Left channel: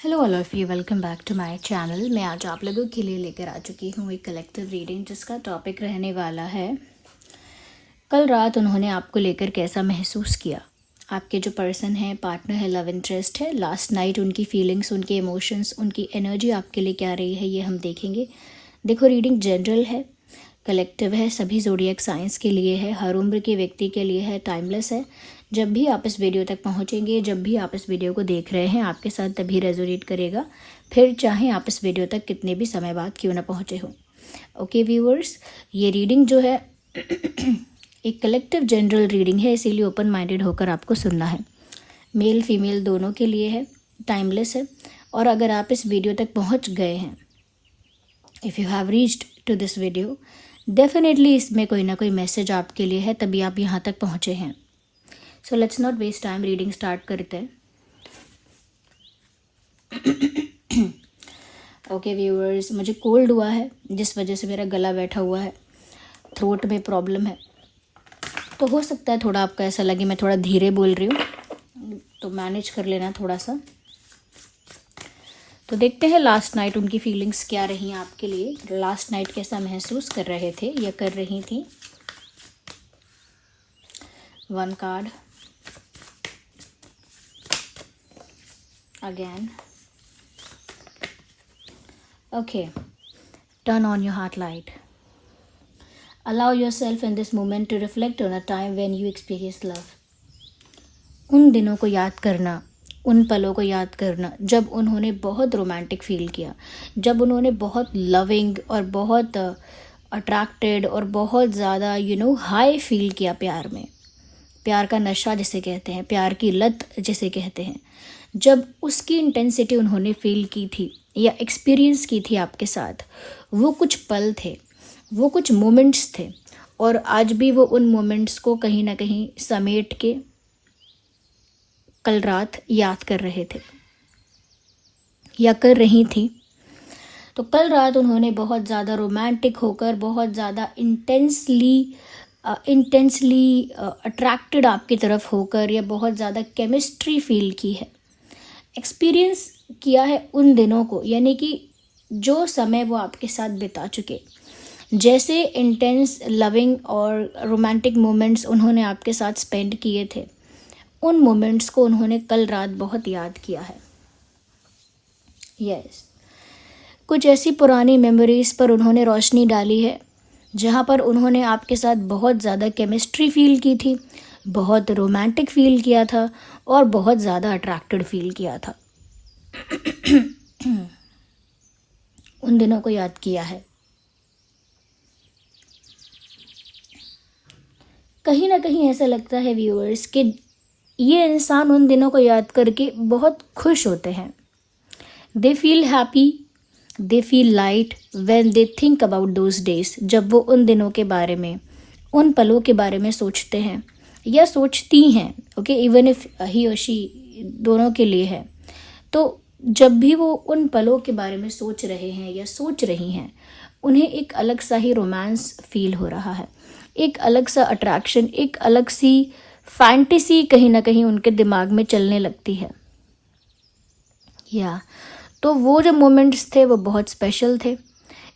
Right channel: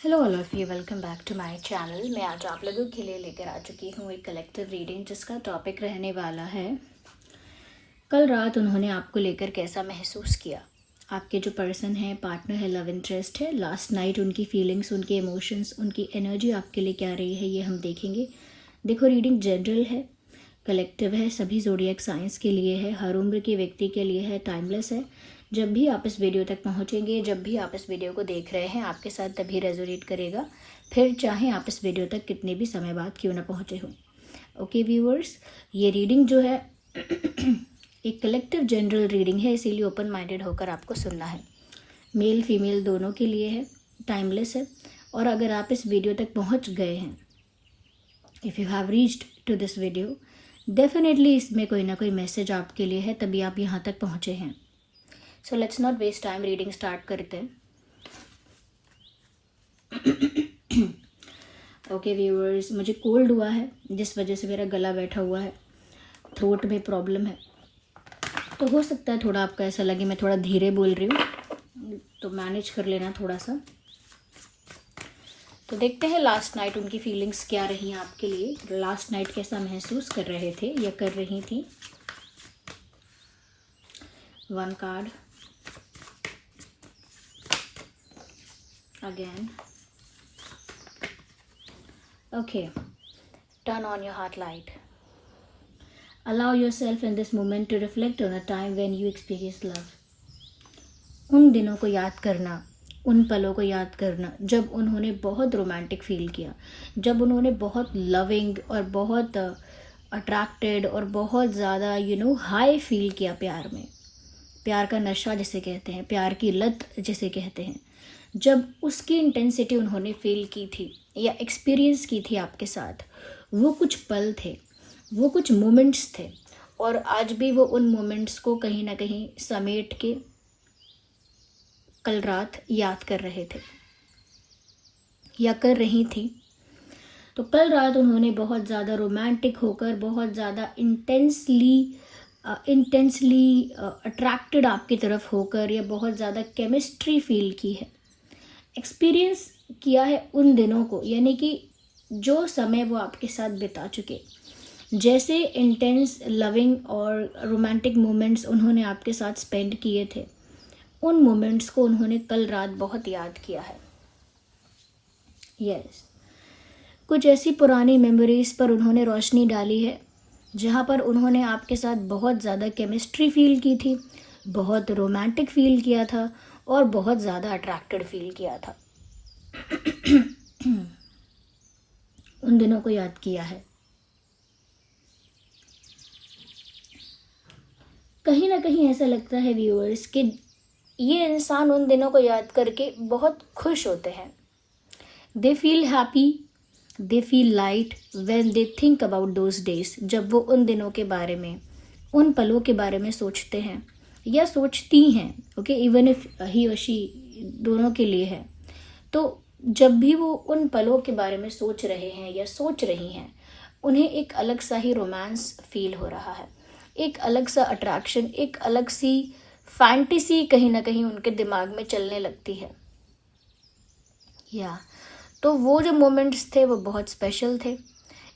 Hello all of you, welcome back to my channel. मैं आज आप लोगों के लिए लेकर आ चुकी हूँ एक कलेक्टिव रीडिंग जिसका टॉपिक रहने वाला है कल रात उन्होंने आपको लेकर कैसा महसूस किया। आपके जो पर्सन है, पार्टनर है, लव इंटरेस्ट है, लास्ट नाइट उनकी फीलिंग्स, उनके इमोशंस, उनकी एनर्जी आपके लिए क्या रही है, ये हम देखेंगे। देखो, रीडिंग जनरल है, कलेक्टिव है, सभी ज़ोडिएक साइंस के लिए है, हर उम्र के व्यक्ति के लिए है, टाइमलेस है। जब भी आप इस वीडियो तक पहुंचेंगे, जब भी आप इस वीडियो को देख रहे हैं, आपके साथ तभी रेजोनेट करेगा, फिर चाहे आप इस वीडियो तक कितने भी समय बाद क्यों ना पहुंचे हो। ओके व्यूअर्स, ये रीडिंग जो है एक कलेक्टिव जनरल रीडिंग है, इसीलिए ओपन माइंडेड होकर आपको सुनना है। मेल फीमेल दोनों के लिए है, टाइमलेस है। और अगर आप इस वीडियो तक पहुंच गए हैं, if you have reached to this video, definitely इसमें कोई ना कोई मैसेज आपके लिए है, तभी आप यहाँ तक पहुँचे हैं। So let's not waste time, reading start करते हैं। ओके व्यूअर्स, मुझे कोल्ड हुआ है जिस वजह से मेरा गला बैठा हुआ है, थ्रोट में प्रॉब्लम है, तो हो सकता है थोड़ा आपको ऐसा लगे मैं थोड़ा धीरे बोल रही हूँ, तो मैनेज कर लेना थोड़ा सा। तो देखते हैं लास्ट नाइट उनकी फीलिंग्स क्या रही आपके लिए, लास्ट नाइट कैसा महसूस कर रहे थे या कर रही थी। One card again. Okay, turn on your heart light. Allow yourself in this moment to reflect on a time when you experienced love. उन दिनों को याद करना, उन पलों को याद करना जब उन्होंने बहुत रोमांटिक फील किया, जब उन्होंने बहुत लविंग और बहुत अट्रैक्टेड और बहुत ज़्यादा हाई फील किया प्यार में। प्यार का नशा जिसे कहते हैं, प्यार की लत जिसे कहते हैं, जब उसकी इंटेंसिटी उन्होंने फील की थी या एक्सपीरियंस की थी आपके साथ, वो कुछ पल थे, वो कुछ मोमेंट्स थे। और आज भी वो उन मोमेंट्स को कहीं ना कहीं समेट के कल रात याद कर रहे थे या कर रही थी। तो कल रात उन्होंने बहुत ज़्यादा रोमांटिक होकर, बहुत ज़्यादा इंटेंसली अट्रैक्टेड आपकी तरफ होकर, या बहुत ज़्यादा केमिस्ट्री फील की है, एक्सपीरियंस किया है उन दिनों को, यानी कि जो समय वो आपके साथ बिता चुके, जैसे इंटेंस लविंग और रोमांटिक मोमेंट्स उन्होंने आपके साथ स्पेंड किए थे, उन मोमेंट्स को उन्होंने कल रात बहुत याद किया है। यस, कुछ ऐसी पुरानी मेमोरीज पर उन्होंने रोशनी डाली है जहाँ पर उन्होंने आपके साथ बहुत ज़्यादा केमिस्ट्री फील की थी, बहुत रोमांटिक फील किया था और बहुत ज़्यादा अट्रैक्टेड फील किया था। उन दिनों को याद किया है। कहीं ना कहीं ऐसा लगता है व्यूअर्स कि ये इंसान उन दिनों को याद करके बहुत खुश होते हैं। They feel happy, they feel light when they think about those days. जब वो उन दिनों के बारे में, उन पलों के बारे में सोचते हैं या सोचती हैं, ओके, इवन इफ ही और शी दोनों के लिए है, तो जब भी वो उन पलों के बारे में सोच रहे हैं या सोच रही हैं, उन्हें एक अलग सा ही रोमांस फील हो रहा है, एक अलग सा अट्रैक्शन, एक अलग सी फैंटेसी कहीं ना कहीं उनके दिमाग में चलने लगती है। या तो वो जो मोमेंट्स थे वो बहुत स्पेशल थे,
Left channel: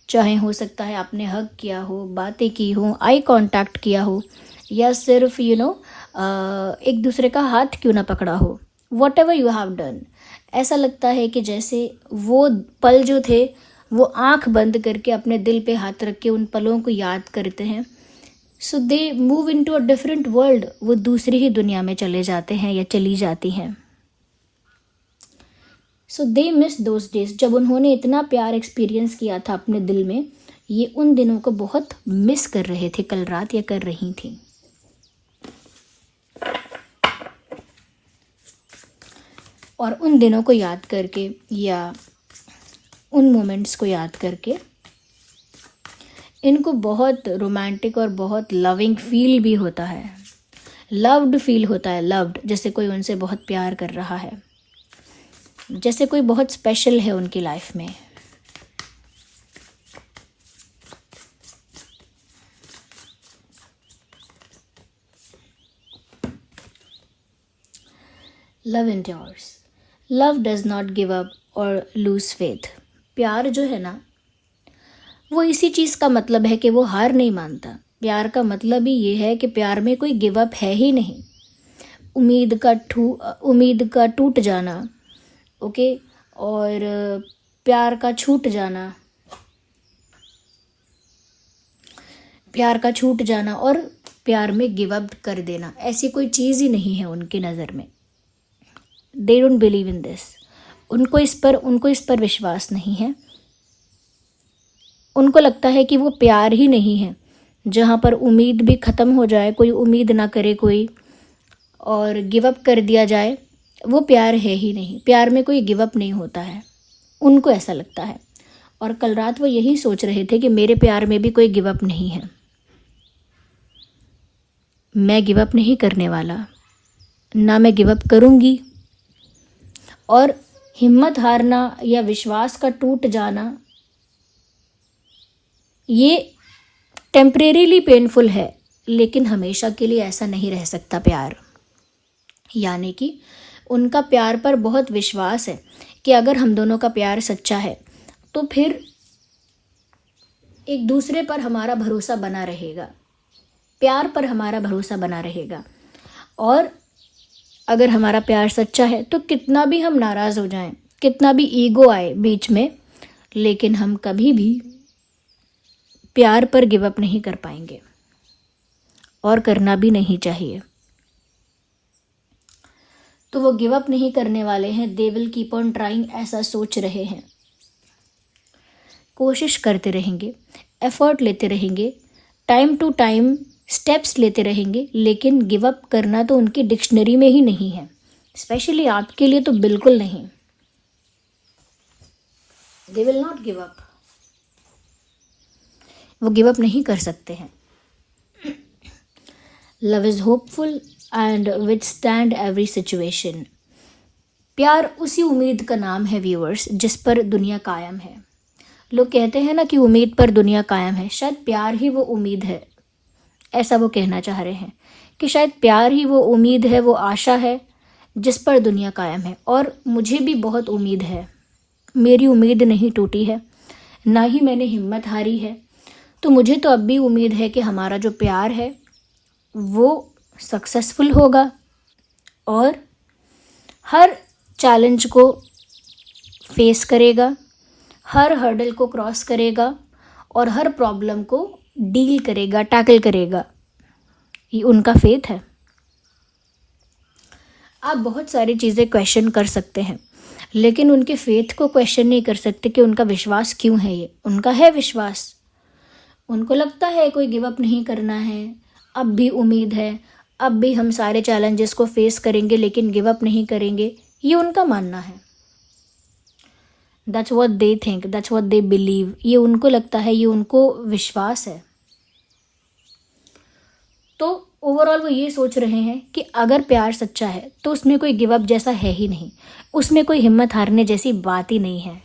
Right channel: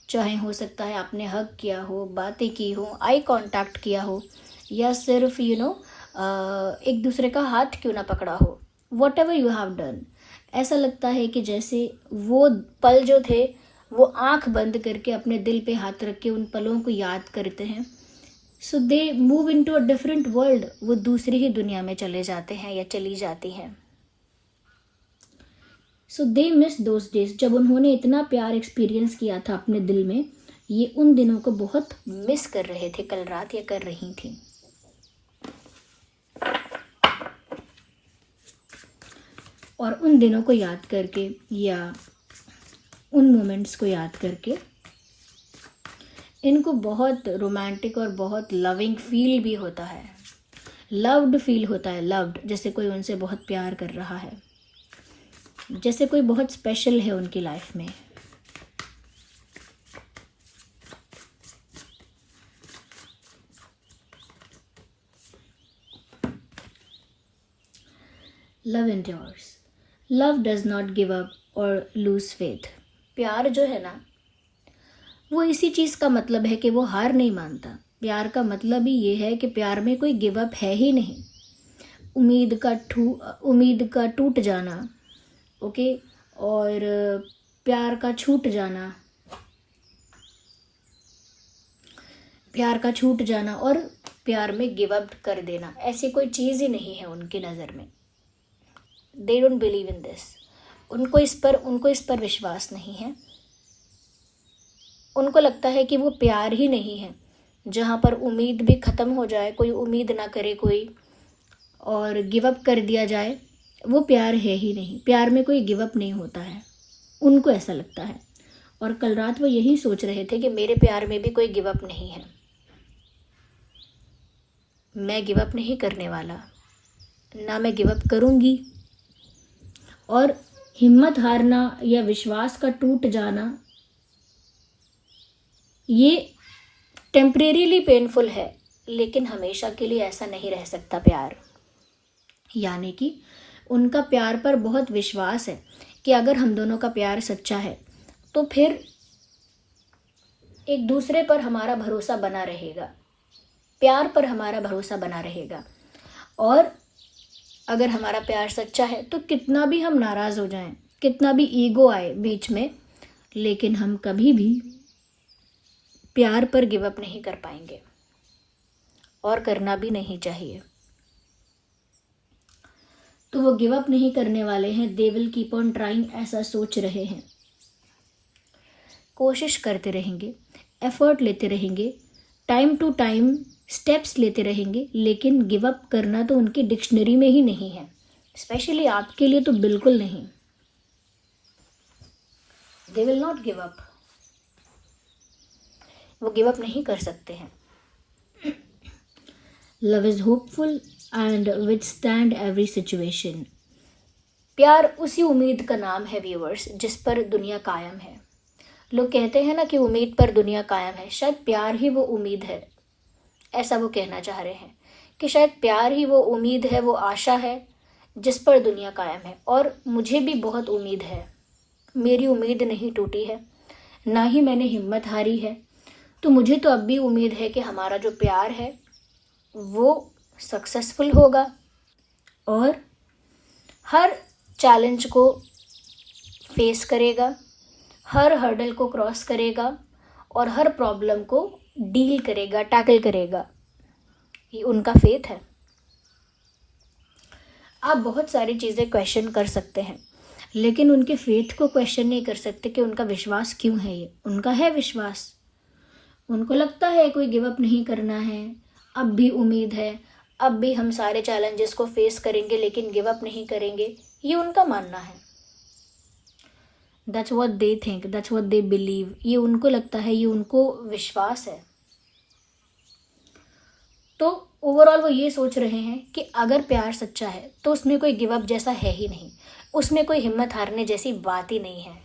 चाहे हो सकता है आपने हग किया हो, बातें की हो, आई कांटेक्ट किया हो, या सिर्फ एक दूसरे का हाथ क्यों ना पकड़ा हो, what ever you have done. ऐसा लगता है कि जैसे वो पल जो थे वो आंख बंद करके अपने दिल पे हाथ रख के उन पलों को याद करते हैं। So they move into a different world, वो दूसरी ही दुनिया में चले जाते हैं या चली जाती हैं। So they miss those days, जब उन्होंने इतना प्यार एक्सपीरियंस किया था अपने दिल में, ये उन दिनों को बहुत मिस कर रहे थे कल रात या कर रही थी। और उन दिनों को याद करके या उन मोमेंट्स को याद करके इनको बहुत रोमांटिक और बहुत लविंग फील भी होता है, लव्ड फील होता है, लव्ड, जैसे कोई उनसे बहुत प्यार कर रहा है, जैसे कोई बहुत स्पेशल है उनकी लाइफ में। Love endures. Love does not give up और लूज़ फेथ। प्यार जो है ना, वो इसी चीज़ का मतलब है कि वो हार नहीं मानता। प्यार का मतलब ही ये है कि प्यार में कोई गिव अप है ही नहीं। उम्मीद का टूट जाना, ओके, और प्यार का छूट जाना और प्यार में गिव अप कर देना, ऐसी कोई चीज़ ही नहीं है उनकी नज़र में। They don't believe in this. उनको इस पर विश्वास नहीं है। उनको लगता है कि वो प्यार ही नहीं है। जहाँ पर उम्मीद भी ख़त्म हो जाए, कोई उम्मीद ना करे कोई, और गिव अप कर दिया जाए, वो प्यार है ही नहीं। प्यार में कोई गिव अप नहीं होता है, उनको ऐसा लगता है। और कल रात वो यही सोच रहे थे कि मेरे प्यार में भी कोई गिव अप नहीं है। मैं गिव अप नहीं करने वाला, ना मैं गिव अप करूँगी। और हिम्मत हारना या विश्वास का टूट जाना, ये टेम्परेरीली पेनफुल है, लेकिन हमेशा के लिए ऐसा नहीं रह सकता प्यार। यानी कि उनका प्यार पर बहुत विश्वास है कि अगर हम दोनों का प्यार सच्चा है तो फिर एक दूसरे पर हमारा भरोसा बना रहेगा, प्यार पर हमारा भरोसा बना रहेगा। और अगर हमारा प्यार सच्चा है तो कितना भी हम नाराज़ हो जाएं, कितना भी ईगो आए बीच में, लेकिन हम कभी भी प्यार पर गिव अप नहीं कर पाएंगे, और करना भी नहीं चाहिए। तो वो गिव अप नहीं करने वाले हैं। They will keep on trying, ऐसा सोच रहे हैं। कोशिश करते रहेंगे, एफर्ट लेते रहेंगे, टाइम टू टाइम स्टेप्स लेते रहेंगे, लेकिन गिव अप करना तो उनकी डिक्शनरी में ही नहीं है। स्पेशली आपके लिए तो बिल्कुल नहीं। They will not give up. वो गिव अप नहीं कर सकते हैं। Love is hopeful and withstand every situation. प्यार उसी उम्मीद का नाम है व्यूअर्स, जिस पर दुनिया कायम है। लोग कहते हैं ना कि उम्मीद पर दुनिया कायम है, शायद प्यार ही वो उम्मीद है। ऐसा वो कहना चाह रहे हैं कि शायद प्यार ही वो उम्मीद है, वो आशा है जिस पर दुनिया कायम है। और मुझे भी बहुत उम्मीद है, मेरी उम्मीद नहीं टूटी है, ना ही मैंने हिम्मत हारी है। तो मुझे तो अब भी उम्मीद है कि हमारा जो प्यार है वो सक्सेसफुल होगा और हर चैलेंज को फेस करेगा, हर हर्डल को क्रॉस करेगा और हर प्रॉब्लम को डील करेगा, टैकल करेगा। ये उनका फेथ है। आप बहुत सारी चीज़ें क्वेश्चन कर सकते हैं, लेकिन उनके फेथ को क्वेश्चन नहीं कर सकते कि उनका विश्वास क्यों है। ये उनका है विश्वास। उनको लगता है कोई गिव अप नहीं करना है, अब भी उम्मीद है, अब भी हम सारे चैलेंजेस को फेस करेंगे, लेकिन गिव अप नहीं करेंगे। ये उनका मानना है। That's what they think, that's what they believe. ये उनको लगता है, ये उनको विश्वास है। तो ओवरऑल वो ये सोच रहे हैं कि अगर प्यार सच्चा है तो उसमें कोई गिव अप जैसा है ही नहीं, उसमें कोई हिम्मत हारने जैसी बात ही नहीं है।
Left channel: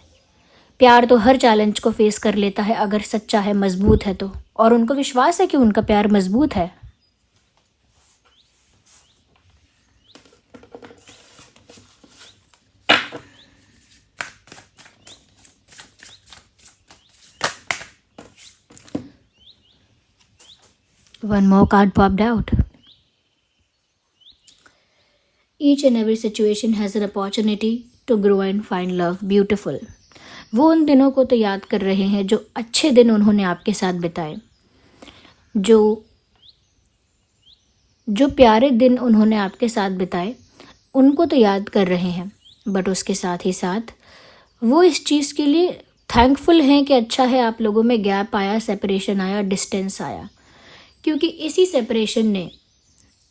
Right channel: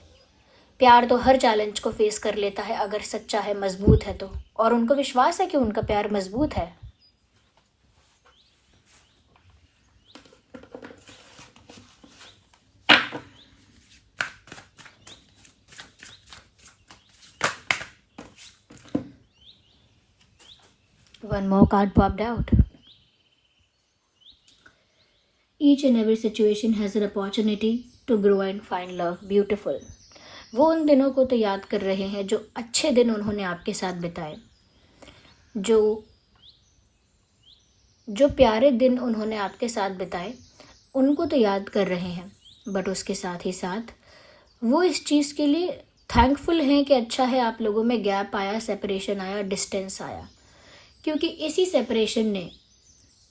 प्यार तो हर चैलेंज को फेस कर लेता है अगर सच्चा है, मजबूत है तो। और उनको विश्वास है कि उनका प्यार मजबूत है। One more card popped out. Each and every situation has an opportunity to grow and find love. Beautiful. वो उन दिनों को तो याद कर रहे हैं जो अच्छे दिन उन्होंने आपके साथ बिताए, जो प्यारे दिन उन्होंने आपके साथ बिताए, उनको तो याद कर रहे हैं। बट उसके साथ ही साथ वो इस चीज़ के लिए थैंकफुल हैं कि अच्छा है आप लोगों में गैप आया, सेपरेशन आया, डिस्टेंस आया। क्योंकि इसी सेपरेशन ने,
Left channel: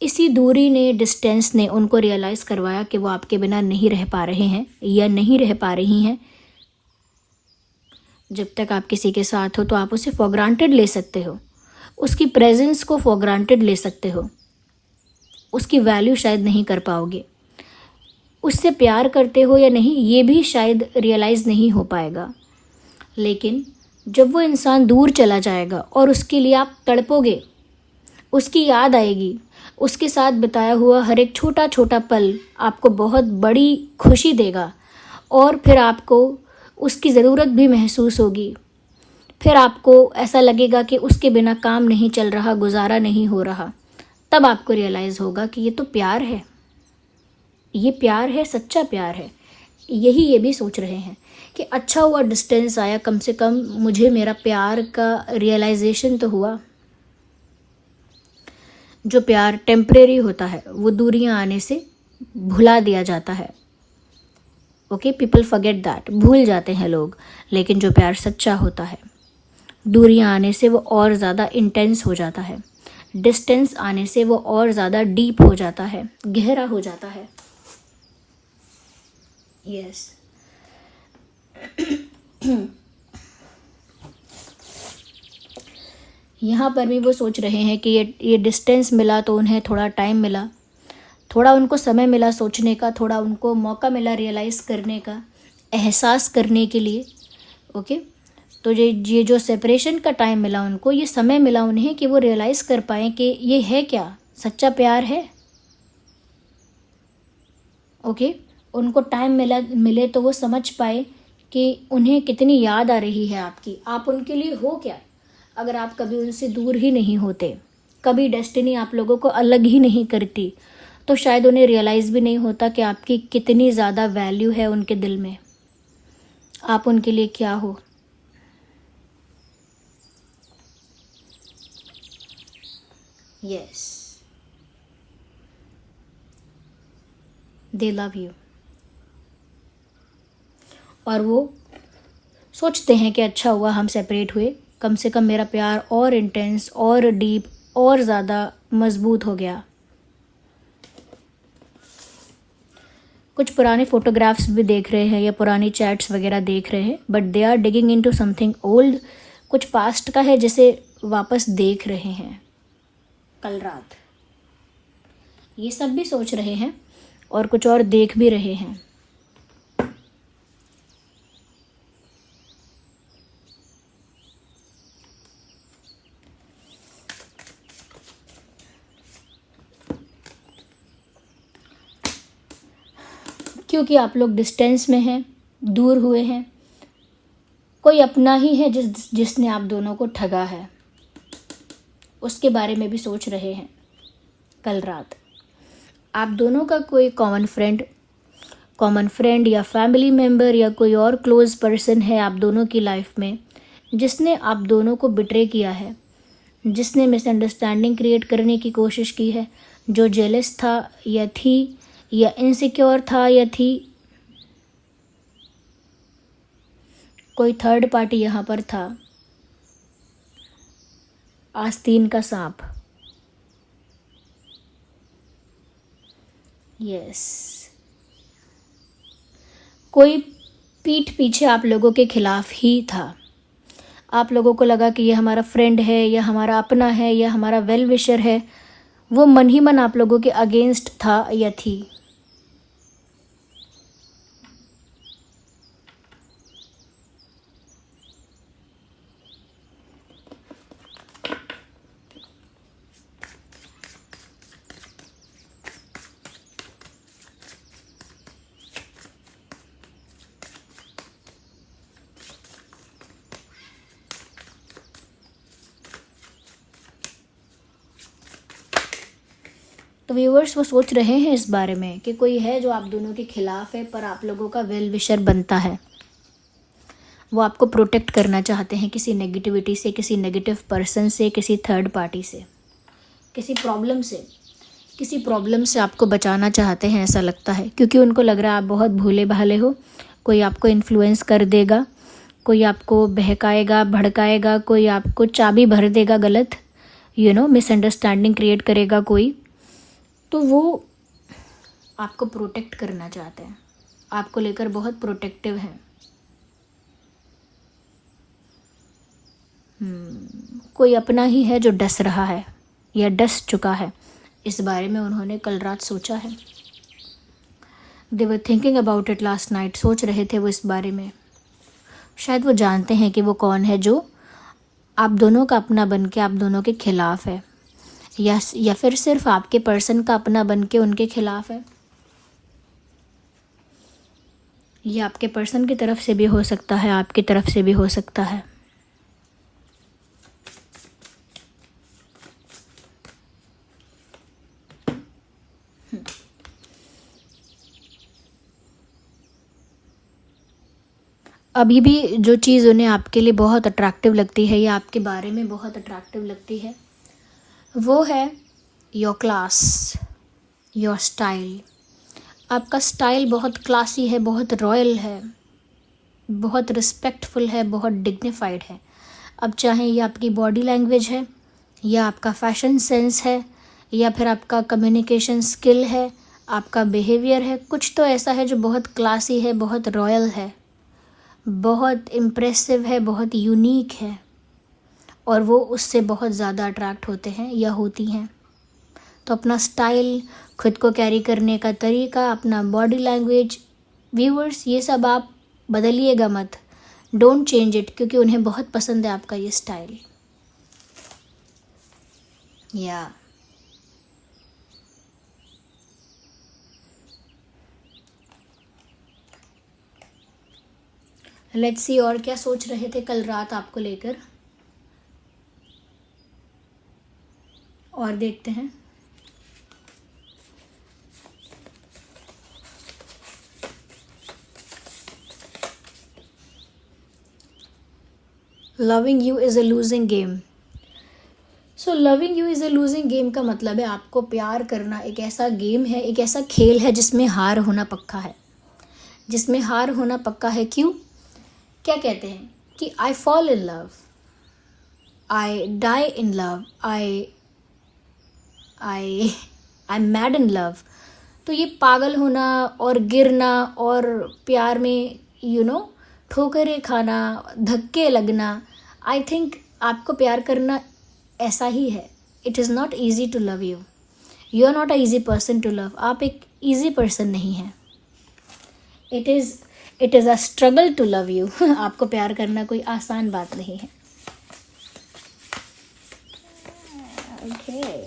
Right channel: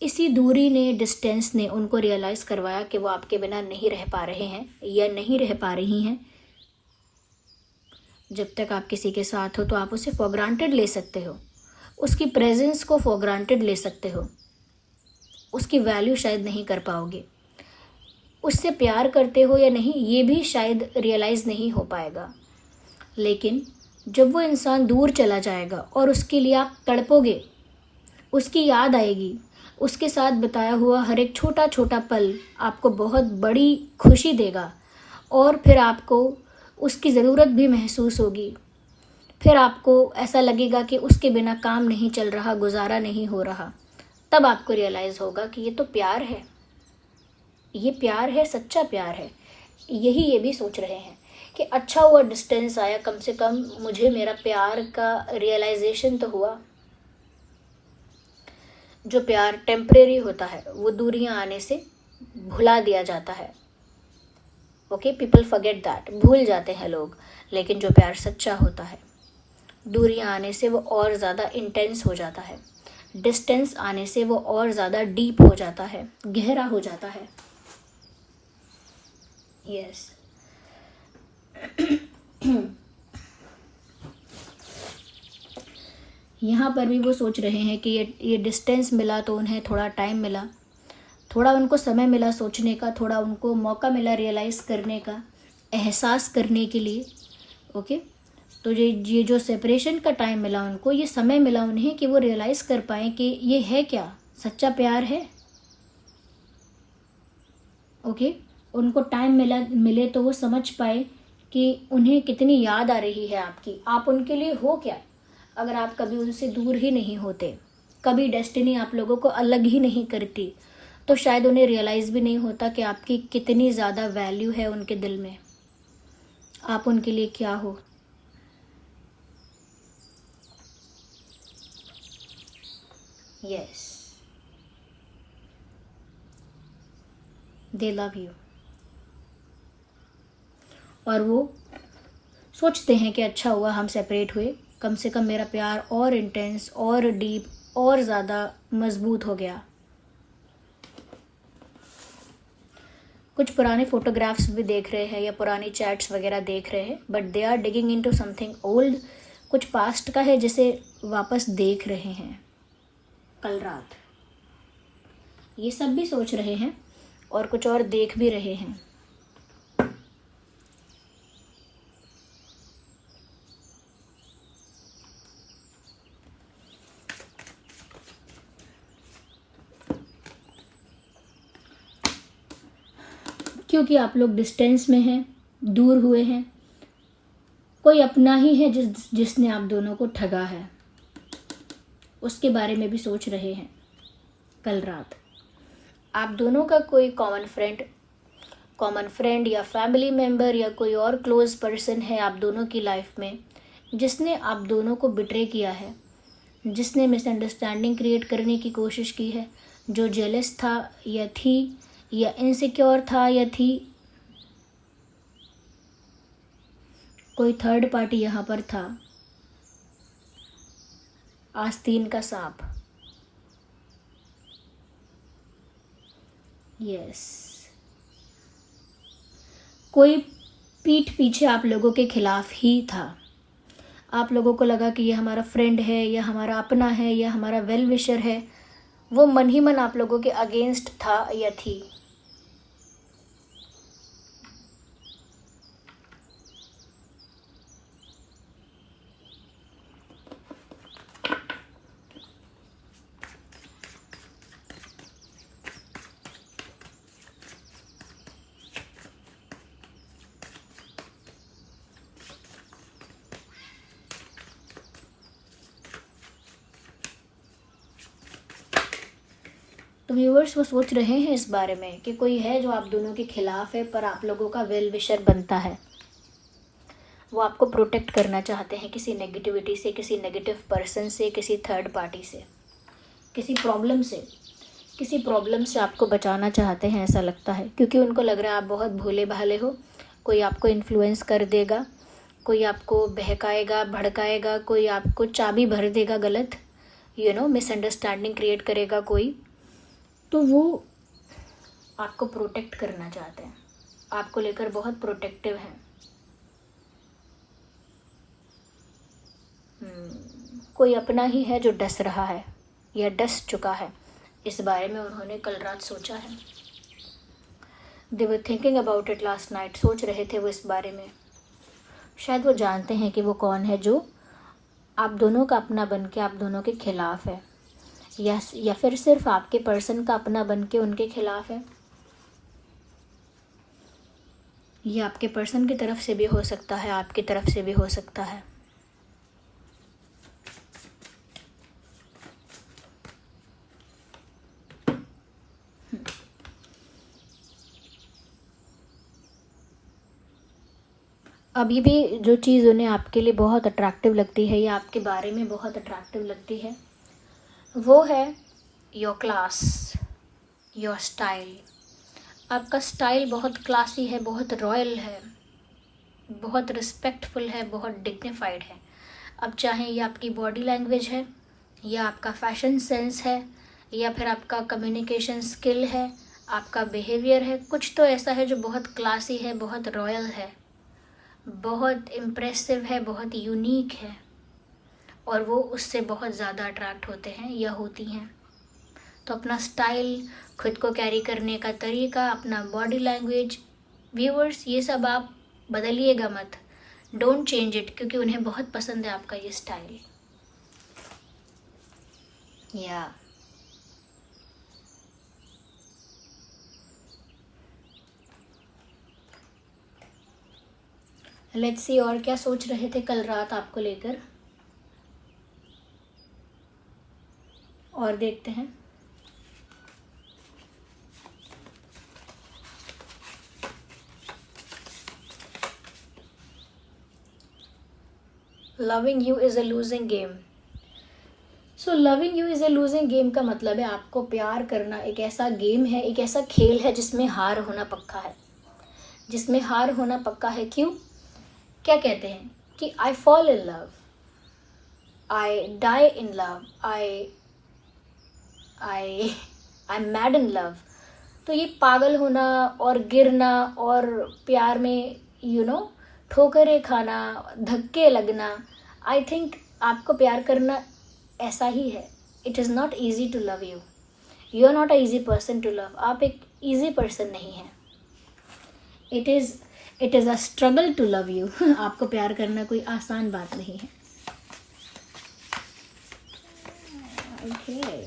इसी दूरी ने, डिस्टेंस ने उनको रियलाइज़ करवाया कि वो आपके बिना नहीं रह पा रहे हैं या नहीं रह पा रही हैं। जब तक आप किसी के साथ हो तो आप उसे फॉर ग्रांटेड ले सकते हो, उसकी प्रेजेंस को फॉर ग्रांटेड ले सकते हो, उसकी वैल्यू शायद नहीं कर पाओगे। उससे प्यार करते हो या नहीं ये भी शायद रियलाइज़ नहीं हो पाएगा। लेकिन जब वो इंसान दूर चला जाएगा और उसके लिए आप तड़पोगे, उसकी याद आएगी, उसके साथ बिताया हुआ हर एक छोटा छोटा पल आपको बहुत बड़ी खुशी देगा और फिर आपको उसकी ज़रूरत भी महसूस होगी। फिर आपको ऐसा लगेगा कि उसके बिना काम नहीं चल रहा, गुजारा नहीं हो रहा। तब आपको रियलाइज़ होगा कि ये तो प्यार है, ये प्यार है, सच्चा प्यार है। यही ये भी सोच रहे हैं कि अच्छा हुआ डिस्टेंस आया, कम से कम मुझे मेरा प्यार का रियलाइजेशन तो हुआ। जो प्यार टेम्परेरी होता है वो दूरियां आने से भुला दिया जाता है। ओके, पीपल फॉरगेट दैट, भूल जाते हैं लोग। लेकिन जो प्यार सच्चा होता है, दूरियां आने से वो और ज़्यादा इंटेंस हो जाता है, डिस्टेंस आने से वो और ज़्यादा डीप हो जाता है, गहरा हो जाता है। यस यहाँ पर भी वो सोच रहे हैं कि ये डिस्टेंस मिला तो उन्हें थोड़ा टाइम मिला, थोड़ा उनको समय मिला सोचने का, थोड़ा उनको मौका मिला रियलाइज़ करने का, एहसास करने के लिए। ओके, तो ये जो सेपरेशन का टाइम मिला उनको, ये समय मिला उन्हें कि वो रियलाइज़ कर पाएँ कि ये है क्या, सच्चा प्यार है। ओके, उनको टाइम मिले तो वो समझ पाए कि उन्हें कितनी याद आ रही है आपकी, आप उनके लिए हो क्या। अगर आप कभी उनसे दूर ही नहीं होते, कभी डेस्टिनी आप लोगों को अलग ही नहीं करती, तो शायद उन्हें रियलाइज़ भी नहीं होता कि आपकी कितनी ज़्यादा वैल्यू है उनके दिल में, आप उनके लिए क्या हो। Yes, they love you. और वो सोचते हैं कि अच्छा हुआ हम सेपरेट हुए, कम से कम मेरा प्यार और इंटेंस और डीप और ज़्यादा मजबूत हो गया। कुछ पुराने फोटोग्राफ्स भी देख रहे हैं या पुरानी चैट्स वगैरह देख रहे हैं, but they are digging into something old. कुछ पास्ट का है जिसे वापस देख रहे हैं कल रात। ये सब भी सोच रहे हैं और कुछ और देख भी रहे हैं। क्योंकि आप लोग डिस्टेंस में हैं, दूर हुए हैं, कोई अपना ही है जिसने आप दोनों को ठगा है, उसके बारे में भी सोच रहे हैं कल रात। आप दोनों का कोई कॉमन फ्रेंड या फैमिली मेम्बर या कोई और क्लोज पर्सन है आप दोनों की लाइफ में, जिसने आप दोनों को बिट्रे किया है, जिसने मिसअंडरस्टैंडिंग क्रिएट करने की कोशिश की है, जो जेलस था या थी या इनसिक्योर था या थी। कोई थर्ड पार्टी यहाँ पर था, आस्तीन का सांप। यस, कोई पीठ पीछे आप लोगों के खिलाफ ही था। आप लोगों को लगा कि ये हमारा फ्रेंड है या हमारा अपना है या हमारा वेल विशर है, वो मन ही मन आप लोगों के अगेंस्ट था या थी। तो व्यूअर्स वो सोच रहे हैं इस बारे में कि कोई है जो आप दोनों के खिलाफ है पर आप लोगों का वेल विशर बनता है। वो आपको प्रोटेक्ट करना चाहते हैं किसी नेगेटिविटी से, किसी नेगेटिव पर्सन से, किसी थर्ड पार्टी से, किसी प्रॉब्लम से आपको बचाना चाहते हैं, ऐसा लगता है। क्योंकि उनको लग रहा है आप बहुत भोले भाले हो, कोई आपको इन्फ्लुएंस कर देगा, कोई आपको बहकाएगा, भड़काएगा, कोई आपको चाबी भर देगा गलत, मिसअंडरस्टैंडिंग क्रिएट करेगा कोई। तो वो आपको प्रोटेक्ट करना चाहते हैं, आपको लेकर बहुत प्रोटेक्टिव हैं। कोई अपना ही है जो डस रहा है या डस चुका है, इस बारे में उन्होंने कल रात सोचा है। They were thinking about it last night, सोच रहे थे वो इस बारे में। शायद वो जानते हैं कि वो कौन है जो आप दोनों का अपना बन के आप दोनों के खिलाफ है, या फिर सिर्फ आपके पर्सन का अपना बन के उनके खिलाफ है। ये आपके पर्सन की तरफ से भी हो सकता है, आपकी तरफ से भी हो सकता है। अभी भी जो चीज़ उन्हें आपके लिए बहुत अट्रैक्टिव लगती है या आपके बारे में बहुत अट्रैक्टिव लगती है वो है योर क्लास, योर स्टाइल। आपका स्टाइल बहुत क्लासी है, बहुत रॉयल है, बहुत रिस्पेक्टफुल है, बहुत डिग्निफाइड है। अब चाहे ये आपकी बॉडी लैंग्वेज है या आपका फैशन सेंस है या फिर आपका कम्युनिकेशन स्किल है, आपका बिहेवियर है, कुछ तो ऐसा है जो बहुत क्लासी है, बहुत रॉयल है, बहुत इम्प्रेसिव है, बहुत यूनिक है, और वो उससे बहुत ज़्यादा अट्रैक्ट होते हैं या होती हैं। तो अपना स्टाइल, खुद को कैरी करने का तरीका, अपना बॉडी लैंग्वेज, व्यूअर्स, ये सब आप बदलिएगा मत, डोंट चेंज इट, क्योंकि उन्हें बहुत पसंद है आपका ये स्टाइल। या लेट्स सी और क्या सोच रहे थे कल रात आपको लेकर, और देखते हैं। Loving you is a losing game. So loving you is a losing game का मतलब है आपको प्यार करना एक ऐसा गेम है, एक ऐसा खेल है जिसमें हार होना पक्का है, जिसमें हार होना पक्का है। क्यों? क्या कहते हैं कि I fall in love, I die in love, I mad in love. तो ये पागल होना और गिरना और प्यार में ठोकरें खाना, धक्के लगना, आई थिंक आपको प्यार करना ऐसा ही है। It is not easy to love you, you are not a easy person to love. आप एक ईजी पर्सन नहीं हैं। It is a struggle to love you. आपको प्यार करना कोई आसान बात नहीं है। ओके,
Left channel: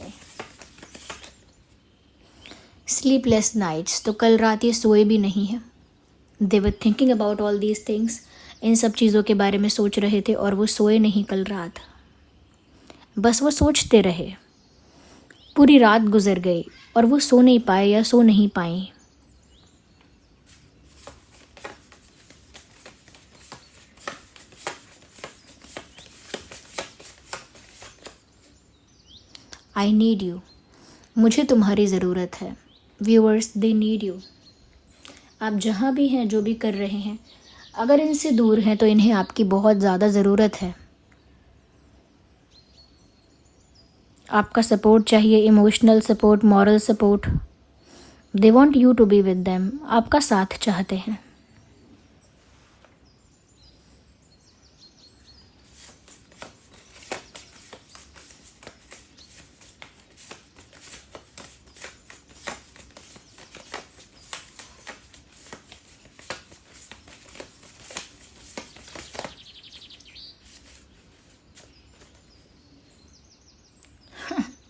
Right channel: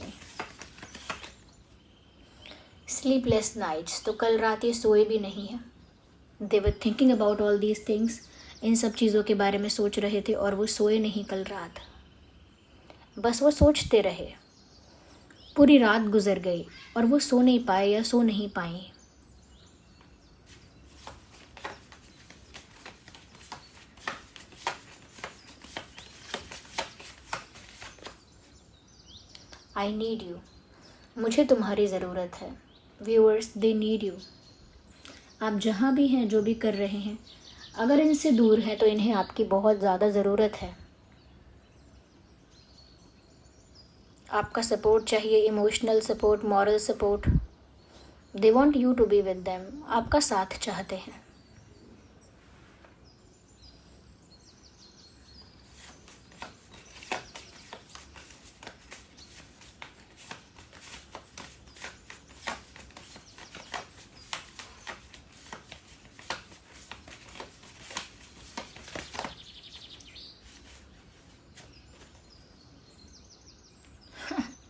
स्लीपलेस नाइट्स, तो कल रात ये सोए भी नहीं है। They were thinking about all these things, इन सब चीज़ों के बारे में सोच रहे थे और वो सोए नहीं कल रात। बस वो सोचते रहे, पूरी रात गुजर गई और वो सो नहीं पाए या सो नहीं पाई। आई नीड यू, मुझे तुम्हारी ज़रूरत है। Viewers, they need you. आप जहाँ भी हैं, जो भी कर रहे हैं, अगर इनसे दूर हैं तो इन्हें आपकी बहुत ज़्यादा ज़रूरत है। आपका सपोर्ट चाहिए, emotional support, moral support. They want you to be with them, आपका साथ चाहते हैं।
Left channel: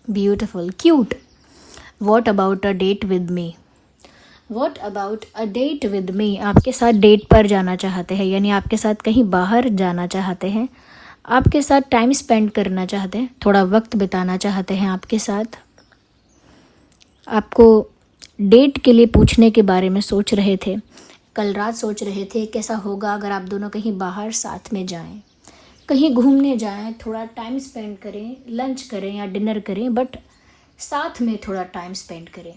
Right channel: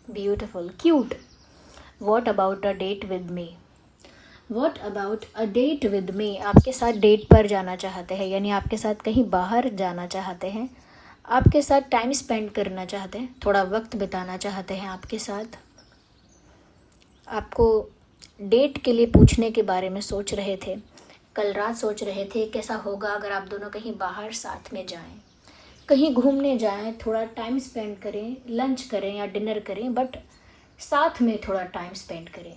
Beautiful, cute. What about a date with me? What about a date with me? आपके साथ डेट पर जाना चाहते हैं, यानी आपके साथ कहीं बाहर जाना चाहते हैं, आपके साथ टाइम स्पेंड करना चाहते हैं, थोड़ा वक्त बिताना चाहते हैं आपके साथ। आपको डेट के लिए पूछने के बारे में सोच रहे थे, कल रात सोच रहे थे कैसा होगा अगर आप दोनों कहीं बाहर साथ में जाएं, कहीं घूमने जाएं, थोड़ा टाइम स्पेंड करें, लंच करें या डिनर करें, बट साथ में थोड़ा टाइम स्पेंड करें।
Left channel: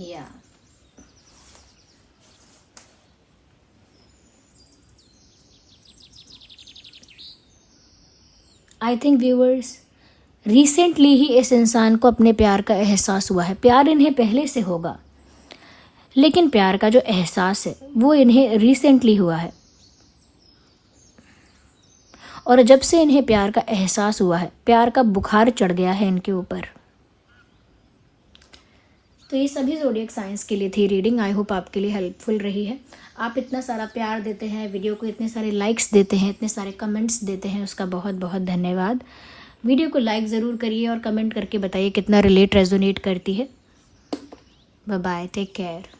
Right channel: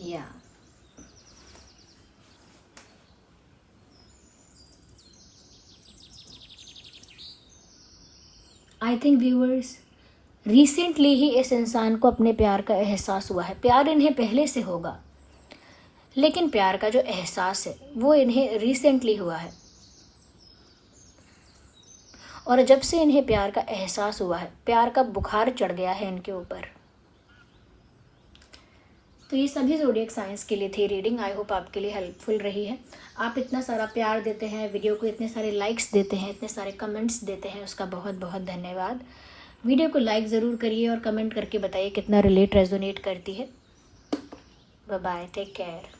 या आई थिंक व्यूअर्स, रिसेंटली ही इस इंसान को अपने प्यार का एहसास हुआ है। प्यार इन्हें पहले से होगा, लेकिन प्यार का जो एहसास है वो इन्हें रिसेंटली हुआ है। और जब से इन्हें प्यार का एहसास हुआ है, प्यार का बुखार चढ़ गया है इनके ऊपर। तो ये सभी ज़ोडिएक साइंस के लिए थी रीडिंग। आई होप आपके लिए हेल्पफुल रही है। आप इतना सारा प्यार देते हैं, वीडियो को इतने सारे लाइक्स देते हैं, इतने सारे कमेंट्स देते हैं, उसका बहुत बहुत धन्यवाद। वीडियो को लाइक ज़रूर करिए और कमेंट करके बताइए कितना रिलेट रेजोनेट करती है। Bye bye, take care.